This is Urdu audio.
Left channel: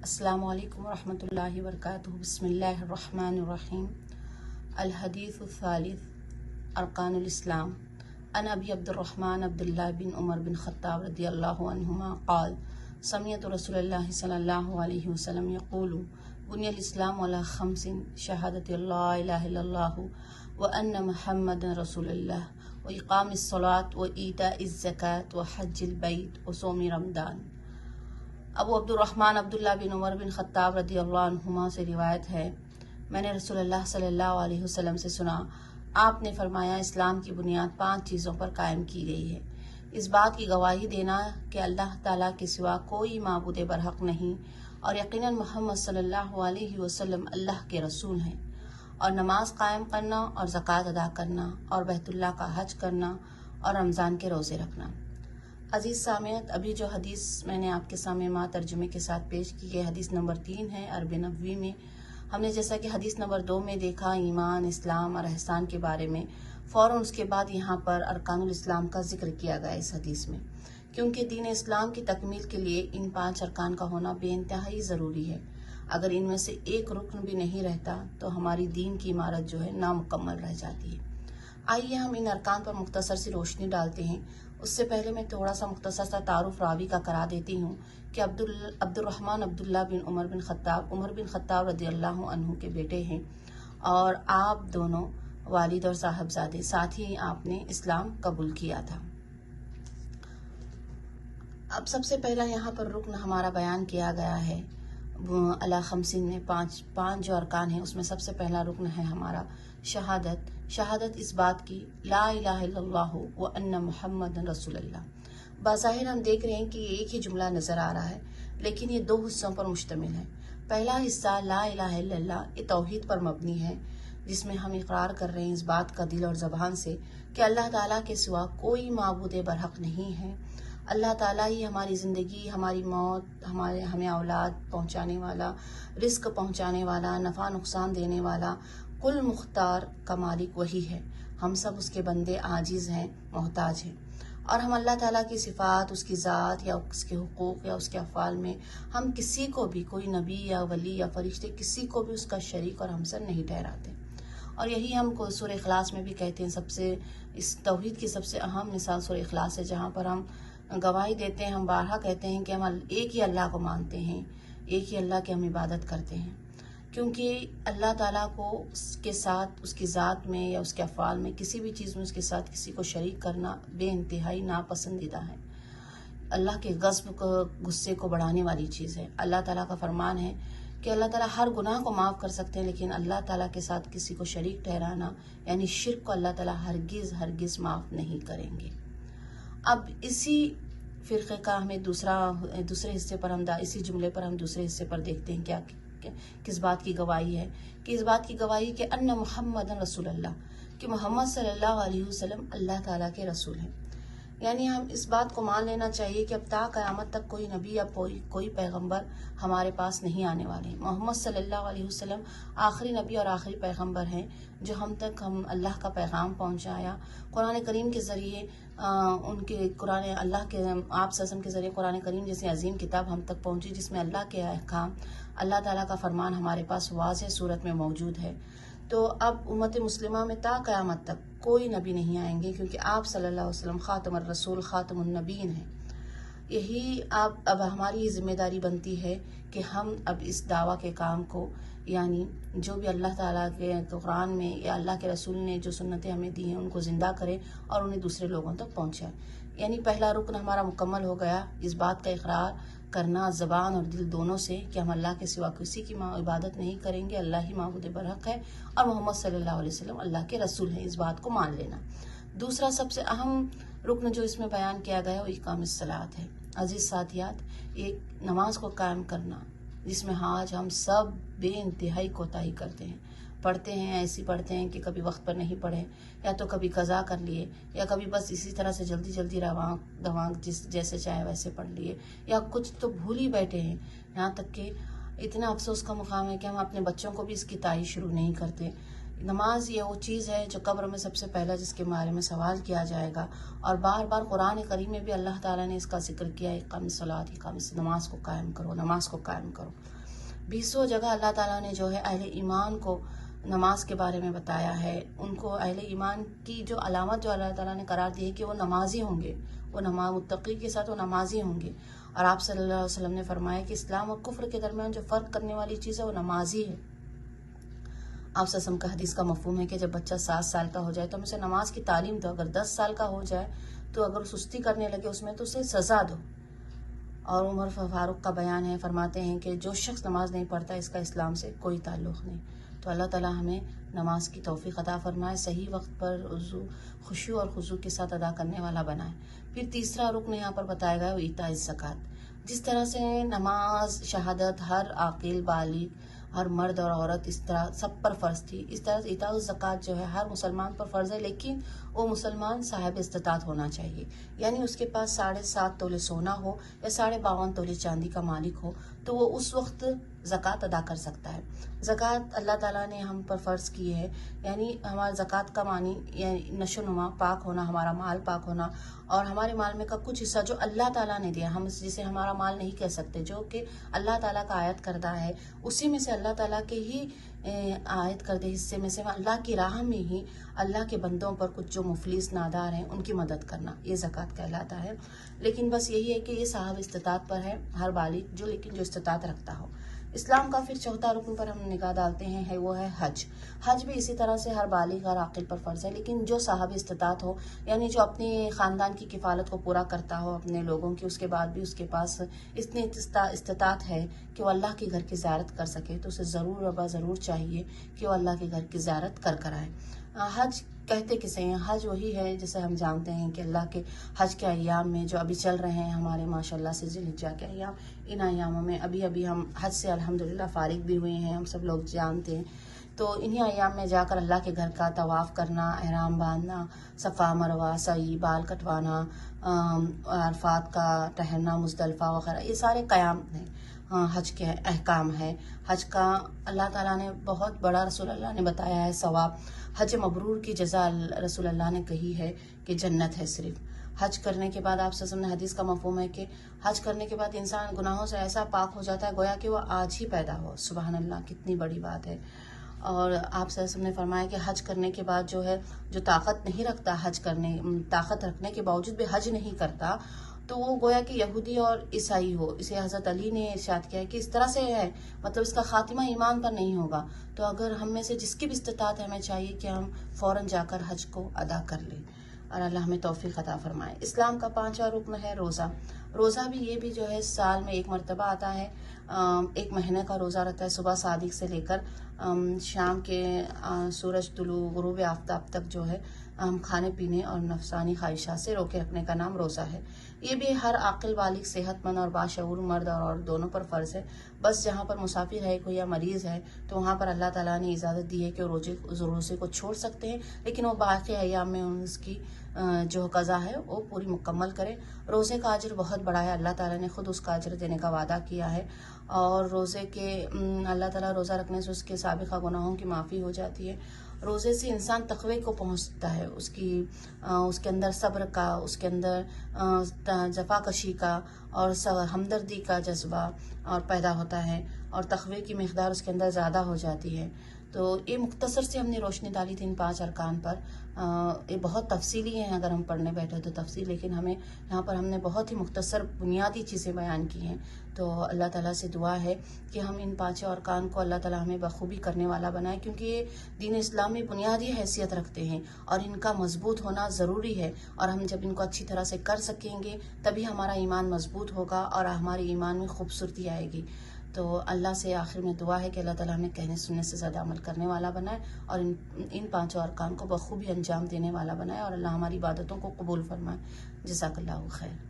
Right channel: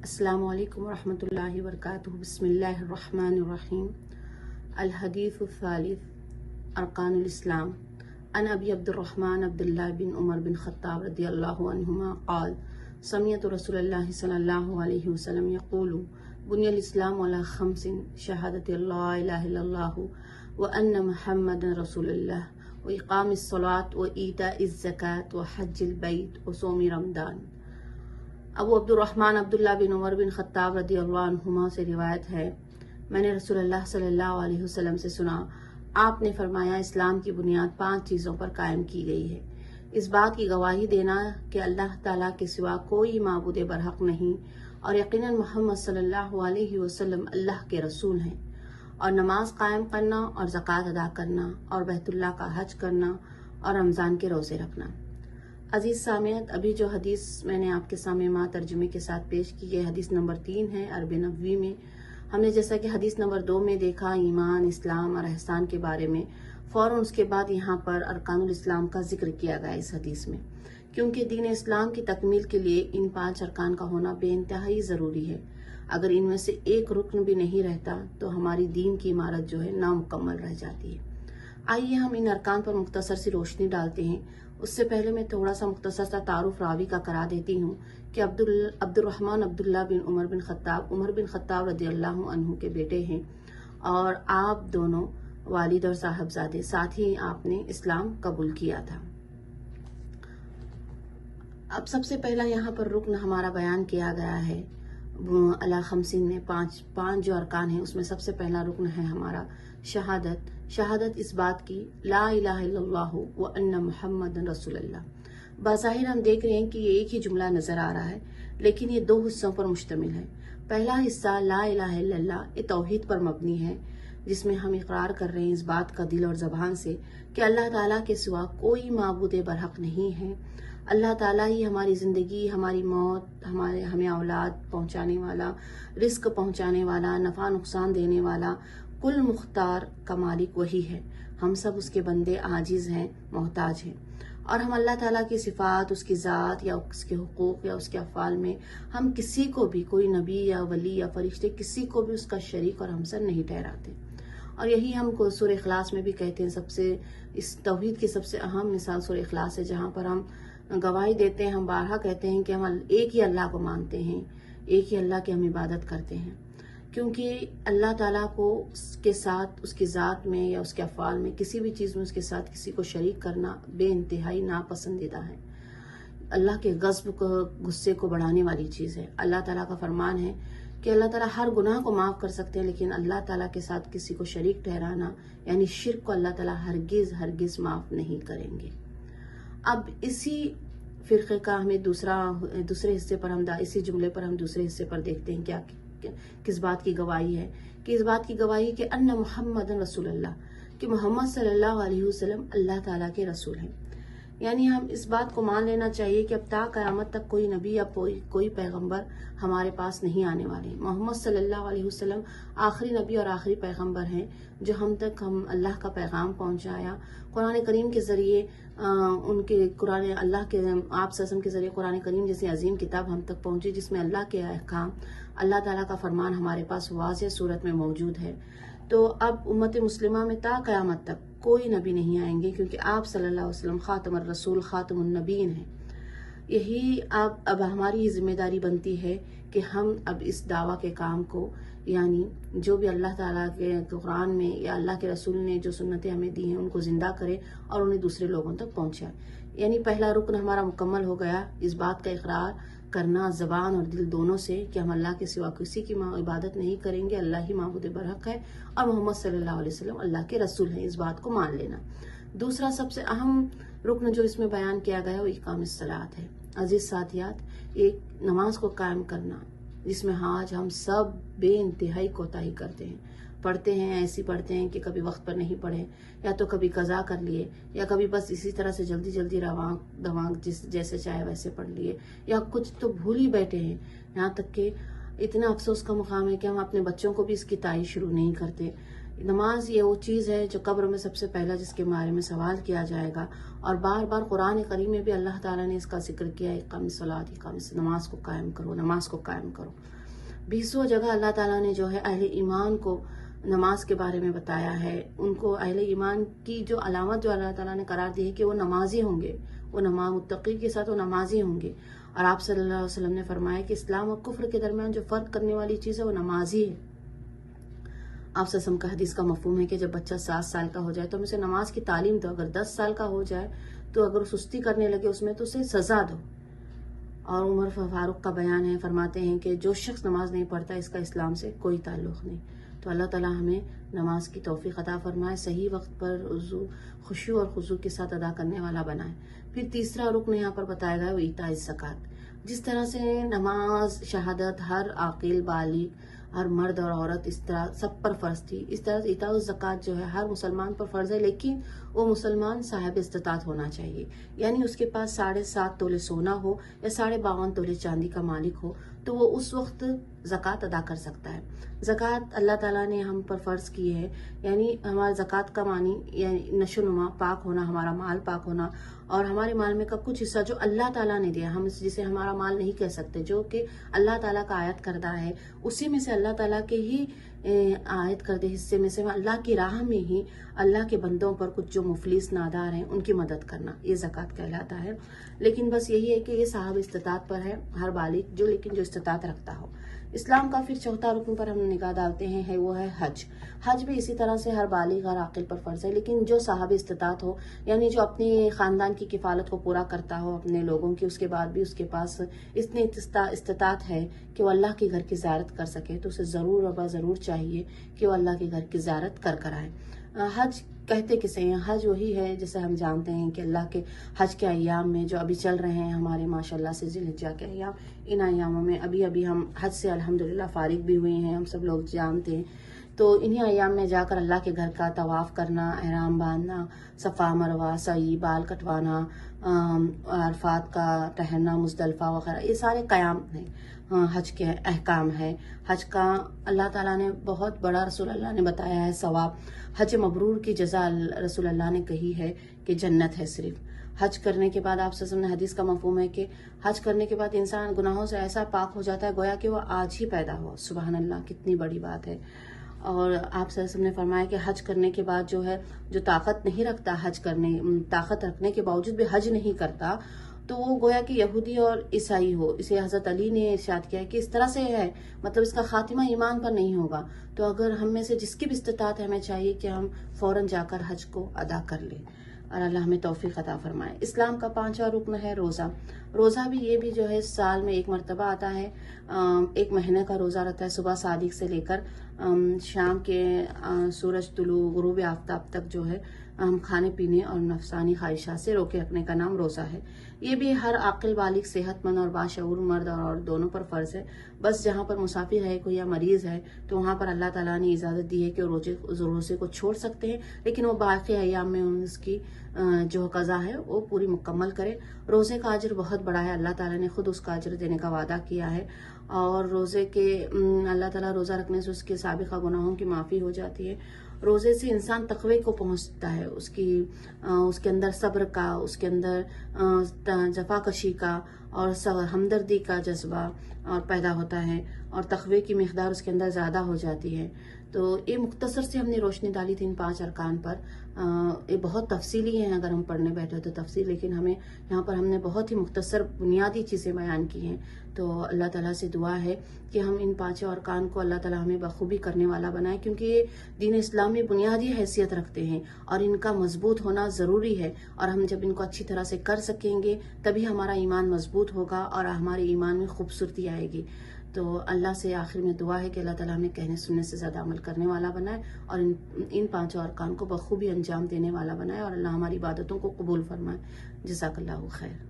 السلام علیکم ورحمۃ اللہ وبرکاتہ۔ بسم اللہ الرحمن الرحیم۔ الحدیث الثالث ارکان الاسلام۔ عن ابی عبد الرحمن عبداللہ بن عمر بن خطاب رضی اللہ عنہما قال سمعت رسول اللہ صلی اللہ علیہ وسلم یقول بنی الاسلام علی خمس شہادت لا الہ الا اللہ وان محمد رسول اللہ واقام الصلاۃ وایتاء الزکاۃ وحج البیت وصوم رمضان۔ ابو عبد الرحمن عبداللہ بن عمر بن خطاب رضی اللہ عنہما سے روایت ہے، میں نے رسول اللہ صلی اللہ علیہ وسلم سے سنا، آپ نے فرمایا اسلام کی بنیاد 5 چیزوں پر قائم کی گئی ہے۔ اس بات کی گواہی دینا کہ اللہ تعالیٰ کے سوا کوئی معبود برحق نہیں اور یقیناً محمد صلی اللہ علیہ وسلم اللہ کے رسول ہیں، اور نماز قائم کرنا اور زکوٰۃ ادا کرنا اور بیت اللہ کا حج کرنا اور رمضان کے روزے رکھنا۔ عزیز سامعین، ابھی جو حدیث میں نے آپ کے سامنے ترجمے کے ساتھ پیش کی ہے، حدیث نمبر 3 ہے عرب نبوی میں۔ ہم نے جیسا کہ حدیث نمبر 2 میں دیکھا ایمان، اسلام اور احسان کے بارے میں، فوراً اس کے بعد یہاں پر ارکان الاسلام کا ذکر کیا گیا اس حدیث میں، کیونکہ دین اسلام کی تکمیل کے لیے ان 5 ارکان کا ہونا بے انتہائی ضروری ہے۔ اگر ان میں سے ایک رکن بھی نہیں رہتا تو ہماری دین کی عمارت جو ہے نامکمل رہ جاتی ہے۔ آئیے ہم ان ارکان پر مختصر سی روشنی ڈالتے ہیں۔ اس سے پہلے میں تھوڑا سا مختصر سا تعارف راوی کا کرا دیتی ہوں کہ عبد الرحمن عبداللہ بن عمر بن خطاب رضی اللہ عنہ کے بیٹے ہیں، اور آپ دونوں والد اور صاحبزادے، ساتھ ہی آپ نے اسلام قبول کیا تھا۔ اب سب سے پہلا یہاں پر رکن ہمارا بیان کیا گیا ہے علی خمسین میں، پانچ جو ارکان ہیں، اس میں سب سے پہلا رکن ہے ہمارا شہادت اس بات کی لا الہ الا اللہ وان محمد رسول اللہ۔ بظاہر ہم دیکھ رہے ہیں کہ یہ ایک ہی جملہ نظر آ رہا ہے، لیکن یہ 2 حصوں پر مشتمل ہے۔ پہلا حصہ لا الہ الا اللہ، یہ توحید پر مبنی ہے، جس میں ہم اقرار کر رہے ہیں اس بات کا دل اور زبان سے کہ اللہ تعالیٰ کے سوا کوئی معبود برحق نہیں ہے۔ اللہ تعالیٰ ہی ہماری زندگی، ہماری موت، ہمیں اولاد پہنچانے والا، رزق پہنچانے والا، نفع نقصان دینے والا، کل مختار کا مالک وہی ہے۔ ہم سب اس کے بندے عاجز ہیں، محتاج ہیں، اور ہم اللہ تعالیٰ کی صفات، اس کی ذات یا اس کے حقوق یا اس کے افعال میں ہم کسی کو بھی، کوئی نبی یا ولی یا فرشتے، کسی کو بھی اس کا شریک اور ہمسر نہیں ٹھہراتے۔ اور یہی ہم کو سورہ اخلاص میں بھی کہتے ہیں، اس توحید کی سب سے اہم مثال سورہ اخلاص ہے، جہاں پر ہم گواہی دیتے ہیں، ہم بارہا کہتے ہیں کہ ہم ایک ہی اللہ کو مانتے ہیں، ایک ہی اللہ کی ہم عبادت کرتے ہیں، کیونکہ اللہ تعالیٰ کو اس کے ساتھ، اس کی ذات میں یا اس کے افعال میں، کسی بھی چیز میں اس کے ساتھ کسی کو شریک کرنا بے انتہائی ناپسندیدہ ہے۔ اللہ کے غضب کو، غصے کو بڑھانے والی چیز ہے۔ اللہ تعالیٰ کا فرمان ہے کہ اللہ تعالیٰ ہر گناہ کو معاف کر سکتے ہیں، لیکن اللہ تعالیٰ کے ساتھ کسی کو شریک ٹھہرانا یعنی شرک کو اللہ تعالیٰ ہرگز معاف نہیں کریں گے۔ اب اسی فرقے کا ہمیں دوسرے حصے پر اسی جملے پر ہم دوسرے حصے پر دیکھتے ہیں کس بات کی گواہی ہے، کہ اس بات کی گواہی کہ ان محمد رسول اللہ، کہ محمد صلی اللہ علیہ وسلم اللہ تعالیٰ کے رسول ہیں۔ یعنی ہم اس بات کو مان لینا چاہیے کہ اب تا قیامت تک کوئی نبی یا کوئی پیغمبر ہمارے پاس نہیں آنے والے۔ محمد صلی اللہ علیہ وسلم آخری نبی اور آخری پیغمبر ہیں جو ہم اللہ کا پیغام پہنچایا۔ قرآن کریم کے ذریعے اللہ کے آپ سسم کے ذریعے قرآن کریم جیسی عظیم کتاب ہم تک پہنچی، جس میں اللہ کے احکام، اللہ تعالیٰ کا فرمان ہمارے پاس واضح صورت میں موجود ہے۔ تو اب امت مسلمہ میں تا قیامت تک کوئی نبی نہیں آئیں گے، کیونکہ آپ صلی اللہ علیہ وسلم خاتم الرسول، خاتم النبیین ہیں۔ یہی اب ہماری ذمہ داری بنتی ہے کہ ہم اب اس دعویٰ کے کام کو، یعنی جو بھی اللہ تعالیٰ کے قرآن میں یا اللہ کے رسول نے جو سنتیں ہمیں دی ہیں، ان کو زندہ کریں اور انہیں دوسرے لوگوں تک پہنچائیں۔ یعنی پہلا رکن ہمارا مکمل ہو گیا، اس بات کا اقرار کرنا زبان اور دل دونوں سے کہ ہم اللہ کے سوا کسی کی عبادت نہیں کریں گے، اللہ ہی معبود برحق ہے، اور محمد صلی اللہ علیہ وسلم اللہ کے رسول ہیں، اس بات کو مان لینا۔ دوسرا سب سے اہم رکن جو اس میں بیان کیا گیا ہے وہ اقام الصلاۃ ہے۔ عزیز ساتھیات، ایک نماز کو قائم کرنا، جس میں آج ہم سب بے انتہائی کوتاہی کرتے ہیں، پڑھتے ہیں ایسی پڑھتے ہیں کہ کبھی وقت پر نہیں پڑھے، یا تو کبھی قضا کر لیے، یا کبھی بس اسی طرح سے جلدی روانگ جیسے چاہے ویسے پڑھ لیے، یا کچھ تو بھول ہی بیٹھے ہیں۔ یہاں تک کہ اتنا افسوس کا مقام ہے کہ ہم اپنے بچوں کو بھی اس کی تعریف شروع نہیں کرتے۔ نماز یہ وہ چیز ہے جو قبر میں سب سے پہلا جس کے بارے میں سوال کیا جائے گا، اور بار بار قرآن کریم میں بھی اللہ تعالیٰ نے اس کا ذکر کیا، اقام الصلاۃ، نماز کو قائم کرو، نماز کو قائم کرو۔ 20 جگہ اللہ تعالیٰ نے جو ہے اہل ایمان کو نماز کے بارے میں بتایا ہے، ان کو اہل ایمان کی جو علامت جو اللہ تعالیٰ نے قرار دی ہے کہ وہ نمازی ہوں گے، وہ متقی کے ساتھ وہ نمازی ہوں گے۔ اور آپ صلی اللہ علیہ وسلم نے فرمایا کہ اسلام اور کفر کے درمیان جو فرق کرنے والی چیز ہے وہ نمازی ہے۔ آپ صلی اللہ علیہ وسلم کا حدیث کا مفہوم ہے کہ جب بچہ 7 سال کا ہو جائے تو ہم اسے نماز کی تعلیم دو، اگر 10 سال کا ہو جائے تو اگر سستی کرنے لگے اس میں تو اسے سزا دو۔ اور عمر فاروق کا بیان ہے، فرماتے ہیں کہ جو شخص نماز نہیں پڑھتا اس کا اسلام سے کوئی تعلق نہیں۔ تو اللہ تعالیٰ ہمیں نماز کی توفیق عطا فرمائے، صحیح وقت پر خشوع اور خضوع کے ساتھ ادا کرنے والا بنائے۔ پھر تیسرا رکن یہاں پر بتایا گیا وہ ایتاء الزکوٰۃ۔ جس طرح سے نماز شہادت ہر عاقل بالغ، ہر مرد اور عورت اس طرح سب پر فرض تھی، اس طرح ایتاء الزکوٰۃ جو ہے ہر مسلمان پر فرض ہے، لیکن وہ مسلمان صاحب استطاعت ہونا چاہیے، یعنی اس کے پاس 7.5 تولے سونا ہو یا 52.5 تولے چاندی کا مالک ہو تو وہ اس وقت زکوٰۃ ادا کر سکتا ہے۔ زکوٰۃ اللہ تعالیٰ نے ہم پر فرض کی ہے، یعنی ہمارا زکوٰۃ کا معنی یعنی نشو نما، پاک ہونا، ہمارا مال پاک ہونا، اور ہمارے مال میں کا کچھ حصہ جو اللہ تعالیٰ نے دیا، ہم جسے ہمارا مال نہیں کہہ سکتے، جو کہ اللہ تعالیٰ کا عائد کردہ ہے، اسی میں سے اللہ تعالیٰ کے ہی عائد کردہ حصے میں سے اللہ کی راہ میں ہی اللہ کے بندوں پر کچھ جو مفلس نادار ہیں ان کی مدد کرنا، یہ زکوٰۃ کہلاتا ہے۔ لیکن بس یہی ہے کہ یہ صاحب استطاعت پر ہے، ہر بالغ جو لیکن جو استطاعت رکھتا ہو۔ اسلام کا پھر چوتھا رکن پر ہم نگاہ ڈالتے ہیں وہ ہے حج۔ حج بھی اسی طرح سے ہر بالغ اور عاقل پر فرض ہے، لیکن جو صاحب استطاعت ہو، یعنی جو اپنی خاندان کی کفالت کو پورا کرتا ہو اپنے لوگوں کی، اس کے بعد بھی اس کے پاس اتنی استطاعت ہے کہ وہ اللہ کے گھر کی زیارت کر سکے تو اسے ضرور و ضرور چاہیے کہ وہ اللہ کے گھر کی زیارت کر آئے۔ حج کہتے کسے ہیں؟ حج وہی ہے جسے ہم جانتے ہیں کہ اللہ کے حج کے ایام میں جو ابھی چل رہے ہیں ہمارے ماشاءاللہ سے ذی الحجہ کے ایام، ان ایاموں میں ابھی ہم حج سے الحمدللہ فارغ بھی ہوئے ہیں، ہم سب لوگ جانتے ہیں۔ تو انہی ایام میں جا کر اللہ کے گھر کا طواف کرنا، احرام باندھنا، صفا مروہ، سعی، بال کٹوانا، عرفات کا ٹہرنا، مزدلفہ وغیرہ، یہ سارے قیام ہیں، حج کے احکام ہے۔ حج کا اللہ تعالیٰ نے بہت بڑا، رسول اللہ نے بتایا ہے ثواب۔ حج مبرور کی جزا رسول اللہ نے کہی ہے کہ جنت ہے صرف۔ حج کرنے کے بعد آپ صلی اللہ علیہ وسلم نے حدیث کا مفہوم ہے کہ حج کرنے کے بعد انسان گناہوں سے ایسا پاک ہو جاتا ہے گویا کہ وہ آج ہی پیدا ہوا۔ سبحان اللہ، کتنی بڑی بات ہے۔ اور آپ صلی اللہ علیہ وسلم نے فرمایا کہ حج کرنے کے بعد جو ہے جو طاقت نہیں رکھتا، طاقت رکھنے کے باوجود بھی حج نہیں کرتا، تو وہ گویا کہ یہودی اور عیسائی ہو۔ اسے حضرت علی نے ارشاد کیا ہے کہ اس طرح سے ہے، مطلب اس کا خاتمہ ایمان پر نہیں ہوگا۔ تو اگر ہم میں سے جس کی بھی استطاعت ہے، ہمیں چاہیے کہ ہم فوراً جا کر حج کو ادا کر لیں، اور اللہ ہمیں توفیق عطا فرمائے۔ اسلام کا 5واں رکن ہے روزہ۔ روزہ بھی یہ بھی جو ہے سال میں ایک مرتبہ آتا ہے، 1 مہینے کا روزہ رہتا ہے، صبح صادق سے لے کر شام کے سورج طلوع غروب آفتاب تک جو ہے کھانے پینے اور نفسانی خواہشات سے روکے رکھنے کا نام روزہ ہے۔ یہ بھی ہر عاقل بالغ صحت مند اور باشعور مرد اور عورت دونوں پر فرض ہے۔ بس جہاں پر مسافر ہے کوئی یا مریض ہے تو وہاں پر اللہ تعالیٰ نے اجازت دی ہے کہ روزے کو چھوڑ سکتے ہیں، لیکن وہ باقی ایام میں اس کی جو قضا ہے وہ پوری مکمل کرے۔ روزے کا اجر بہت بڑا ہے، اللہ تعالیٰ نے خود اس کا اجر دینے کا وعدہ کیا ہے، اور روزے کے اللہ تعالیٰ روزہ رکھنے سے اس کے سابقہ گناہوں کی معافی ہو جاتی ہے۔ روزے سے انسان تقوی کو پہنچتا ہے، اس کے اندر صبر کا، اس کے اندر جفا کشی کا اور ہمدردی کا جذبہ اور پیدا ہوتا ہے، اور تقوی کی مقدار اس کے اندر زیادہ ہو جاتی ہے۔ تو یہ مختصر سے ہم نے روشنی ڈالی تھی ان 5 ارکان پر۔ یہ بہت تفصیلی ہیں، اگر ہم پڑھنے بیٹھے تو تفصیل، لیکن ہمیں یہاں پر ہم نے بہت ہی مختصر بنیادی چیزیں بیان کی ہیں۔ تو اللہ تعالیٰ سے دعا ہے کہ ہم ان 5 ارکان کو اللہ تعالیٰ ہمیں بخوبی کرنے والا بنائے، کیونکہ یہ دین اسلام میں بنیادی حیثیت رکھتے ہیں اور ان کا مضبوط ہونا ضروری ہے، اور ہم جب ان کو اچھی طرح سے کر سکیں گے تبھی ہمارا ایمان مضبوط ہوگا اور ہمارے ایمان میں خوبصورتی آئے گی۔ تو اللہ سے آخر میں دعا ہے کہ اللہ تعالیٰ ہمیں کہنے سننے سے زیادہ عمل کرنے والا بنائے، اور ان 5 ارکان کو بخوبی انجام دینے والا بنائے، اور اللہ ہماری عبادتوں کو قبول فرمائے۔ جزاک اللہ خیر۔